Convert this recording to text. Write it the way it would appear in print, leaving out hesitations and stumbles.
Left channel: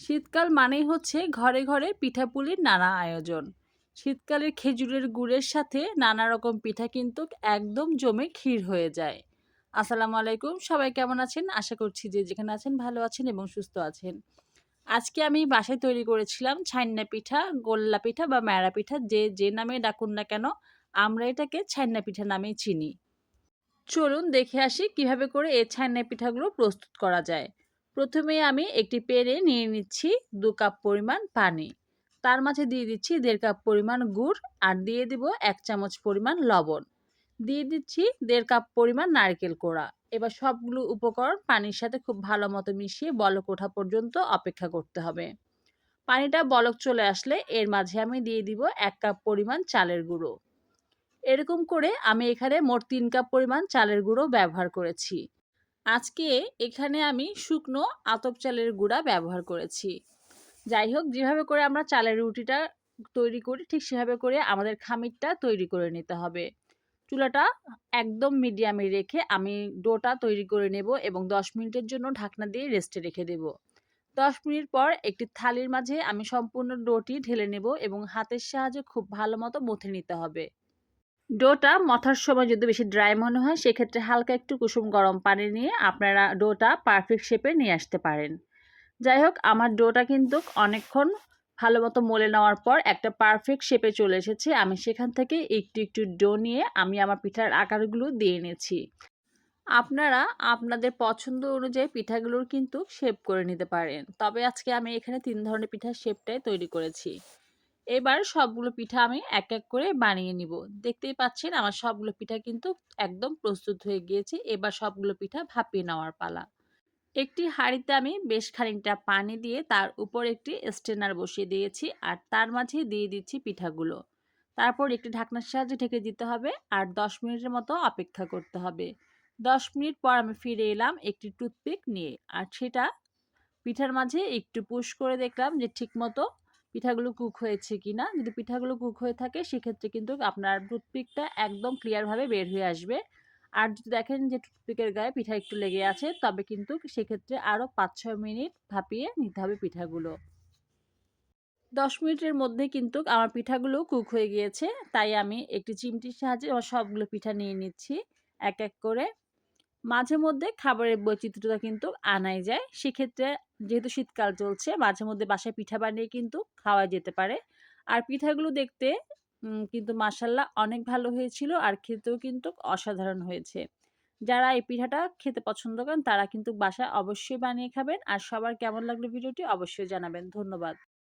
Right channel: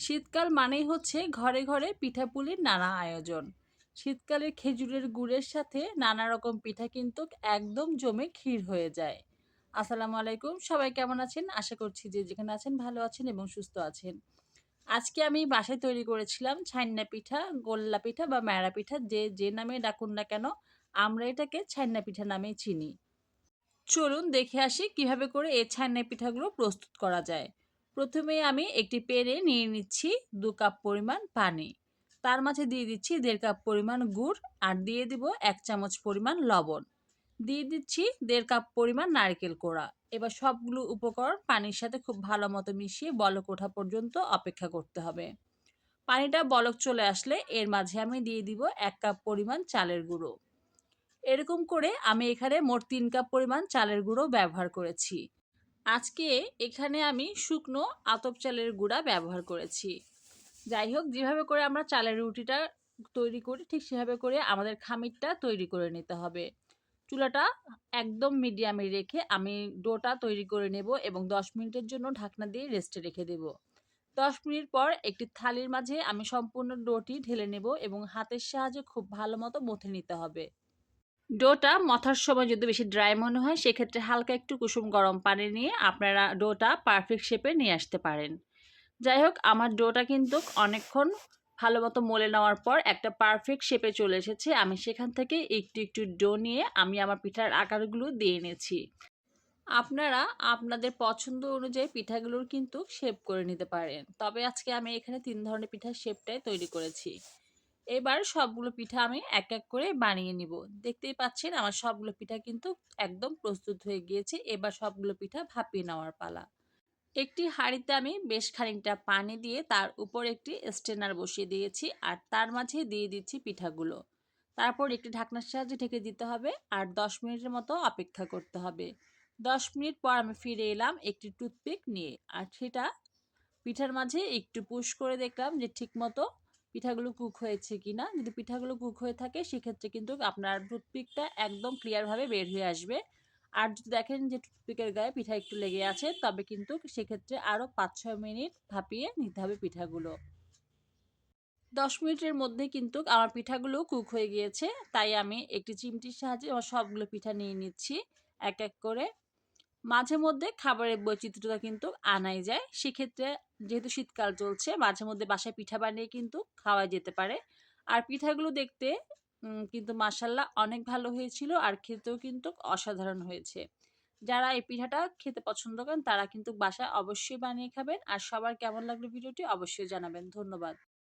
শীতকাল মানেই হচ্ছে ঘরে ঘরে পিঠাপুলির নানা আয়োজন। শীতকালে খেজুরের গুড়ের সাথে নানা রকম পিঠা কিন্তু একদম জমে ক্ষীর হয়ে যায়। আসসালামু আলাইকুম, সবাই কেমন আছেন? আশা করছি যে যেখানে আছেন ভালো আছেন এবং সুস্থ আছেন। আজকে আমি বাসায় তৈরি করেছিলাম ছাইন্না পিঠা, গোল্লা পিঠা বা ম্যাড়া পিঠা, যে নামে ডাকুন না কেন আমরা এটাকে ছাইন্না পিঠা নামেই চিনি। চলুন দেখে আসি কিভাবে করে এই ছাইনা পিঠাগুলো প্রস্তুত করা যায়। প্রথমে আমি একটি পেড়ে নিয়ে নিচ্ছি 2 কাপ পরিমাণ পানি। তার মাঝে দিয়ে দিচ্ছি 1.5 কাপ পরিমাণ গুড় আর দিয়ে দিব 1 চামচ পরিমাণ লবণ। দিয়ে দিচ্ছি 1.5 কাপ পরিমাণ নারকেল কোড়া। এবার সবগুলো উপকরণ পানির সাথে খুব ভালো মতো মিশিয়ে বলক ওঠা পর্যন্ত অপেক্ষা করতে হবে। পানিটা বলক চলে আসলে এর মাঝে আমি দিয়ে দিব 1 কাপ পরিমাণ চালের গুঁড়ো। এরকম করে আমি এখানে মোট 3 কাপ পরিমাণ চালের গুঁড়ো ব্যবহার করেছি। আজকে এখানে আমি শুকনো আতপ চালের গুঁড়া ব্যবহার করেছি। যাই হোক, যেভাবে করে আমরা চালের রুটিটা তৈরি করি ঠিক সেভাবে করে আমাদের খামিরটা তৈরি করে নিতে হবে। চুলাটা একদম মিডিয়ামে রেখে আমি ডোটা তৈরি করে নেব এবং 10 মিনিটের জন্য ঢাকনা দিয়ে রেস্টে রেখে দেব। 10 মিনিট পর একটি থালির মাঝে আমি সম্পূর্ণ ডোটি ঢেলে নেব এবং হাতের সাহায্যে খুব ভালো মতো মথে নিতে হবে। ডোটা মথার সময় যদি বেশি ড্রাই মনে হয় সেক্ষেত্রে হালকা একটু কুসুম গরম পানি নিয়ে আপনারা ডোটা পারফেক্ট শেপে নিয়ে আসতে পারেন। যাই হোক, আমার ডোটা কিন্তু অনেকক্ষণ ভালো মতো মলে নেওয়ার পর একটা পারফেক্ট শেপে চলে এসেছে। আমি সেখান থেকে একটু একটু ডো নিয়ে আমি আমার পিঠার আকারগুলো দিয়ে নিয়েছি। আপনারা আপনাদের পছন্দ অনুযায়ী পিঠাগুলোর কিন্তু শেপ করে নিতে পারেন, তবে আজকে আমি এখানে 3 ধরনের পিঠার শেপটাই তৈরি করেছি। এবার সবগুলো পিঠা আমি এক এক করে বানিয়ে নিব। দেখতেই পাচ্ছেন আমার সবগুলো পিঠা কিন্তু একদম প্রস্তুত হয়ে গিয়েছে। এবার সবগুলো পিঠা ভাপিয়ে নেওয়ার পালা। একটি হাঁড়িতে আমি বেশ খানিকটা পানি দিয়ে তার উপর একটি স্ট্রেনার বসিয়ে দিয়েছি আর তার মাঝে দিয়ে দিচ্ছি পিঠাগুলো। তারপর একটি ঢাকনার সাহায্যে ঢেকে দিতে হবে আর 10 মিনিটের মতো অপেক্ষা করতে হবে। 10 মিনিট পর আমি ফিরে এলাম একটি টুথপিক নিয়ে আর সেটা পিঠার মাঝে একটু পুশ করে দেখলাম যে ঠিকমতো পিঠাগুলো কুক হয়েছে কিনা। যদি পিঠাগুলো কুক হয়ে থাকে সেক্ষেত্রে কিন্তু আপনার টুথপিকটা একদম ক্লিয়ারভাবে বের হয়ে আসবে। আর যদি দেখেন যে টুথপিকের গায়ে পিঠা একটু লেগে আছে তবে কিন্তু সেক্ষেত্রে আরও 5-6 মিনিট ভাপিয়ে নিতে হবে পিঠাগুলো। 10 মিনিটের মধ্যে কিন্তু আমার পিঠাগুলো কুক হয়ে গিয়েছে, তাই আমি একটি চিমটির সাহায্যে আমার সবগুলো পিঠা নিয়ে নিচ্ছি এক এক করে। মাঝে মধ্যে খাবারের বৈচিত্র্যতা কিন্তু আনাই যায়। সেক্ষেত্রে যেহেতু শীতকাল চলছে মাঝে মধ্যে বাসায় পিঠা বানিয়ে কিন্তু খাওয়া যেতে পারে। আর পিঠাগুলো দেখতে কিন্তু মাশাআল্লাহ অনেক ভালো হয়েছিল আর খেতেও কিন্তু অসাধারণ হয়েছে। যারা এই পিঠাটা খেতে পছন্দ করেন তারা কিন্তু বাসায় অবশ্যই বানিয়ে খাবেন। আর সবার কেমন লাগলো ভিডিওটি অবশ্যই জানাবেন। ধন্যবাদ।